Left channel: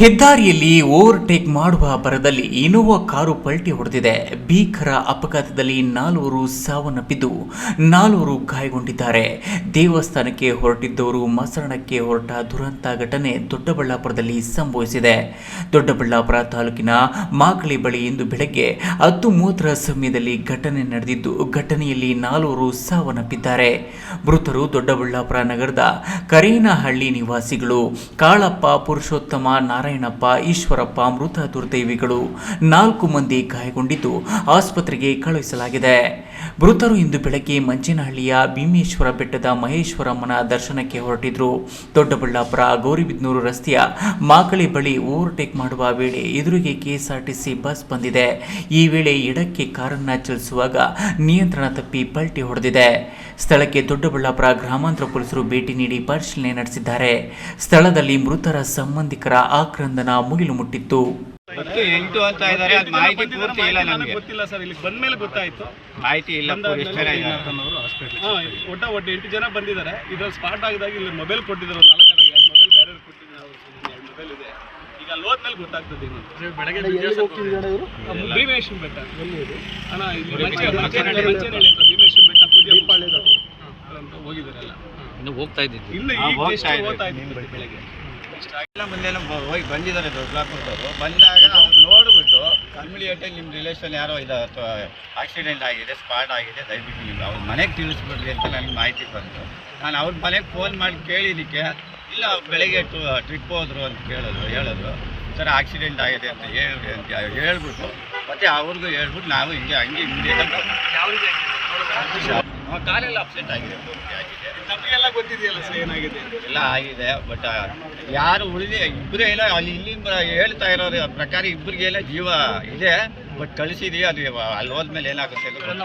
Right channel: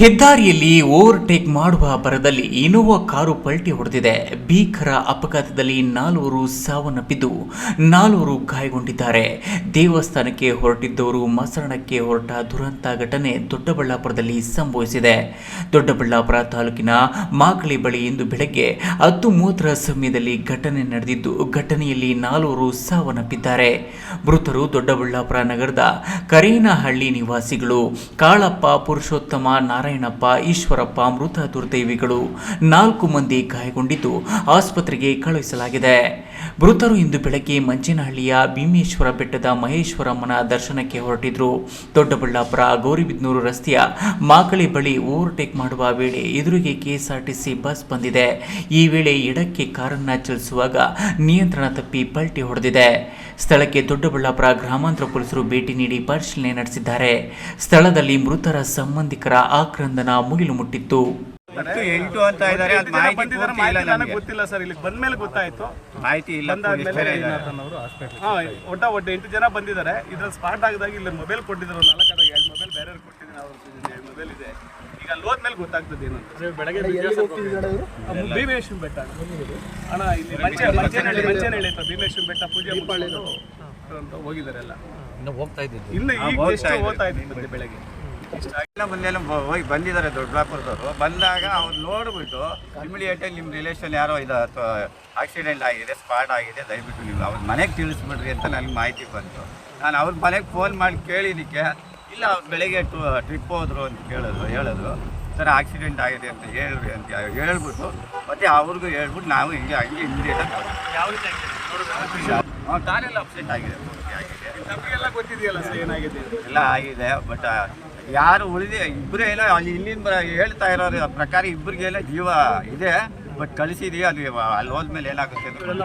ಹೆದ್ದಾರಿಯಲ್ಲಿ ಓವರ್ಟೇಕ್ ಮಾಡುವ ಭರದಲ್ಲಿ ಇನೋವಾ ಕಾರು ಪಲ್ಟಿ ಹೊಡೆದಿದೆ. ಭೀಕರ ಅಪಘಾತದಲ್ಲಿ ನಾಲ್ವರು ಸಾವನ್ನಪ್ಪಿದ್ದು, ನಾಲ್ವರು ಗಾಯಗೊಂಡಿದ್ದಾರೆ. ದೇವಸ್ಥಾನಕ್ಕೆ ಹೊರಟಿದ್ದವರು ಮಸರಣಕ್ಕೆ ಹೊರಟ ದುರಂತ ಘಟನೆ ದೊಡ್ಡಬಳ್ಳಾಪುರದಲ್ಲಿ ಸಂಭವಿಸಿದೆ. ದೊಡ್ಡಬಳ್ಳಾಪುರ ತಾಲೂಕಿನ ಮಾಕಳಿ ಬಳಿ ಇಂದು ಬೆಳಗ್ಗೆ ಹತ್ತು ಮೂವತ್ತರ ಸಮಯದಲ್ಲಿ ಘಟನೆ ನಡೆದಿದ್ದು, ಘಟನೆಯಲ್ಲಿ ನಾಲ್ವರು ಸಾವನ್ನಪ್ಪಿದ್ದಾರೆ. ಮೃತರು ದೊಡ್ಡಬಳ್ಳಾಪುರ ನಗರದ ಕರೇನಹಳ್ಳಿ ನಿವಾಸಿಗಳು. ಕಾಳಪ್ಪ ಪುರುಷೋತ್ತಮ ನಾರಾಯಣಪ್ಪ, ಈಶ್ವರಪ್ಪ ಮೃತ ದುರ್ದೈವಿಗಳು ನಾಲ್ಕು ಮಂದಿ ಗಾಯಗೊಂಡಿದ್ದು ಆಸ್ಪತ್ರೆಗೆ ಕಳುಹಿಸಲಾಗಿದೆ. ಮೃತರು ಇಂದು ಬೆಳಗ್ಗೆ ಮಂಚೇನಹಳ್ಳಿಯ ಭೀಮೇಶ್ವರ ಬೆಟ್ಟದ ಮಹೇಶ್ವರಮ್ಮನ ದರ್ಶನಕ್ಕೆ ಹೊರಟಿದ್ರು. ದೊಡ್ಡಬಳ್ಳಾಪುರ ಗೌರಿಬಿದ್ನೂರು ರಸ್ತೆಯ ಮಾಕಳಿ ಬಳಿ ಓವರ್ಟೇಕ್ ಮಾಡುವ ವೇಳೆ ಎದುರಿಗೆ ಕೆಎಸ್ಆರ್ಟಿಸಿ ಬಸ್ ಬಂದಿದೆ. ಈ ವೇಳೆ ಎಡಕ್ಕೆ ಕಾರನ್ನು ಚಲಿಸುವಾಗ ನಿಯಂತ್ರಣ ತಪ್ಪಿ ಪಲ್ಟಿ ಹೊಡೆದಿದೆ. ಸ್ಥಳಕ್ಕೆ ದೊಡ್ಡಬಳ್ಳಾಪುರ ಗ್ರಾಮಾಂತರ ಪೊಲೀಸರು ಭೇಟಿ ನೀಡಿ ಪರಿಶೀಲನೆ ನಡೆಸಿದ್ದಾರೆ. ಸ್ಥಳದಲ್ಲಿ ಮೃತರ ಸಂಬಂಧಿಕರ ಆಕ್ರಂದನ ಮುಗಿಲು ಮುಟ್ಟಿತ್ತು. ಹತ್ತು ಎಂಟು ಅಂತ ಇದ್ದಾರೆ ಅದು ಮಾಹಿತಿ ಪೂರ್ತಿ ಇಲ್ಲ ನನಗೆ ಗೊತ್ತಿಲ್ಲ ಸರ್ ಇಲ್ಲಿ ಬಂದ್ಮೇಲೆ ಗೊತ್ತಾಯ್ತು. ಮಾಹಿತಿ ಇಲ್ಲ ಎಷ್ಟು ಜನ ಇದ್ದಾರೆ. ಹಾ ಒಟ್ಟ ಒಟ್ಟು ಎಂಟು ಜನ ಬಂದಿದ್ದಾರೆ. ಇದ್ರಲ್ಲಿ ಸ್ಪಾಟ್ ಆಗದಾಗಿ ಇಲ್ಲಿ ಮೊಬೈಲ್ ಕೊಟ್ಟಿದ್ರು. ನಾಲ್ಕು ಎರಡು ಮೊಬೈಲ್ ಬೇರೆ ಕೊಟ್ಟಿದ್ರು. ಅವ್ರ ಎರಡು ಮೊಬೈಲ್ ಇದೆ. ಅಲ್ಲಿ ಹೋದ್ಮೇಲೆ ಗೊತ್ತಾಗ್ತದೆ ಏನು ಅಂತ ಭೀಮೇಶ್ವರ ಬೆಟ್ಟ. ಅಣ್ಣ ಇಲ್ಲಿ ಮಂಚೆ ಮಂಚೇನಹಳ್ಳಿ ಮಂಚೇನಹಳ್ಳಿ ಅಂತ ಭೀಮೇಶ್ವರ ಬೆಟ್ಟ ಪೂಜೆ ಮುಗಿಸ್ಕೊಂಡು ಅಂತ ಹೋಗಿದ್ದಾರೆ ಎಲ್ಲ ಇನ್ನು ಹೋಗ್ತಾ ಇದ್ದೀನಿ. ಇನ್ನು ಈಗ ಹೋಗ್ತಾ ಇದ್ದೀನಿ. ಬೆಳಗ್ಗೆ? ಇಷ್ಟ ಎಲ್ಲ ಮುಂದೆಲ್ಲ ಹೋಗಿ ಬಂದಿದ್ದಾರೆ ದೊಡ್ಡಬಳ್ಳಾಪುರದವರು. ಬಂದಾಗ ಅವ್ರು ನೋಡ್ಬಿಟ್ಟು ಇಮಿಡಿಯೇಟಾಗಿ ನಿಮ್ಮ ರಿಲೇಷನ್ ಯಾರೋ ಇದು ಆಕ್ಸಿಡೆಂಟ್ ಆಗಿದೆ ಸ್ಪಾಟ್ ಆಗಿದೆ ದಯವಿಟ್ಟು ನೀವು ಅವ್ರ ಮನೆಗೆ ತಿಳಿಸ್ಬಿಡ್ರಿ ಅಂತ ನನಗೆ ಮಾಹಿತಿ ಬಂತು. ನಾನು ಅವ್ರ ಮನೆಗೆ ಫೋನ್ ಮಾಡಿ ಕೇಳಿದ್ದಕ್ಕೆ ಇಲ್ಲ ಬೆಳಿಗ್ಗೆ ಟ್ರಿಪ್ ಹೋದ್ರು ಅಂತ ಕೇಳಿದ್ರು ಹೇಳಿದ್ರು. ಸರ್ ಆಕ್ಸಿಡೆಂಟ್ ಆಗಿದೆ ಅಂತ ಹೇಳಿ ಅಂತ ಹೇಳ್ಬಿಟ್ಟು ಮತ್ತೆ ಅವ್ರಿಗೂ ಹೇಳ್ಬಿಟ್ಟು ನಾವು ಹಿಂಗೆ ಹಂಗೆ ಹಿಂದೆ ಬಂದ್ವಿ. ಕಾಲೆಲ್ಲ ಅಪ್ಸೆಟ್ ಆಗಿದೆ ಪೂರ್ತಿ ಆಗಿದೆ. ನಮಗೆಲ್ಲ ಗೊತ್ತಿದೆಯಲ್ಲ ಸರ್ ಏನಾಗಿದೆ ಎಲ್ಲ ಆಗಿದೆ ಬಟ್ ಯಾರು ಉಳಿದ ಇಬ್ಬರು ಏನೋ ಅಲ್ಲಿ ಇಲ್ಲಿಂದ ಹೇಳ್ತಾ ಇರೋ ಪ್ರಕಾರ ಇಬ್ಬರಿಗೆಲ್ಲ ಜೀವ ಇದೆ ಬಟ್ ಕಳಿಸಿದೀವಿ ಅದು ಅಲ್ಲಿ ಹೋದ್ಮೇಲೆ ಏನಾಗುತ್ತೆ ಅಂತ ಗೊತ್ತಿಲ್ಲ.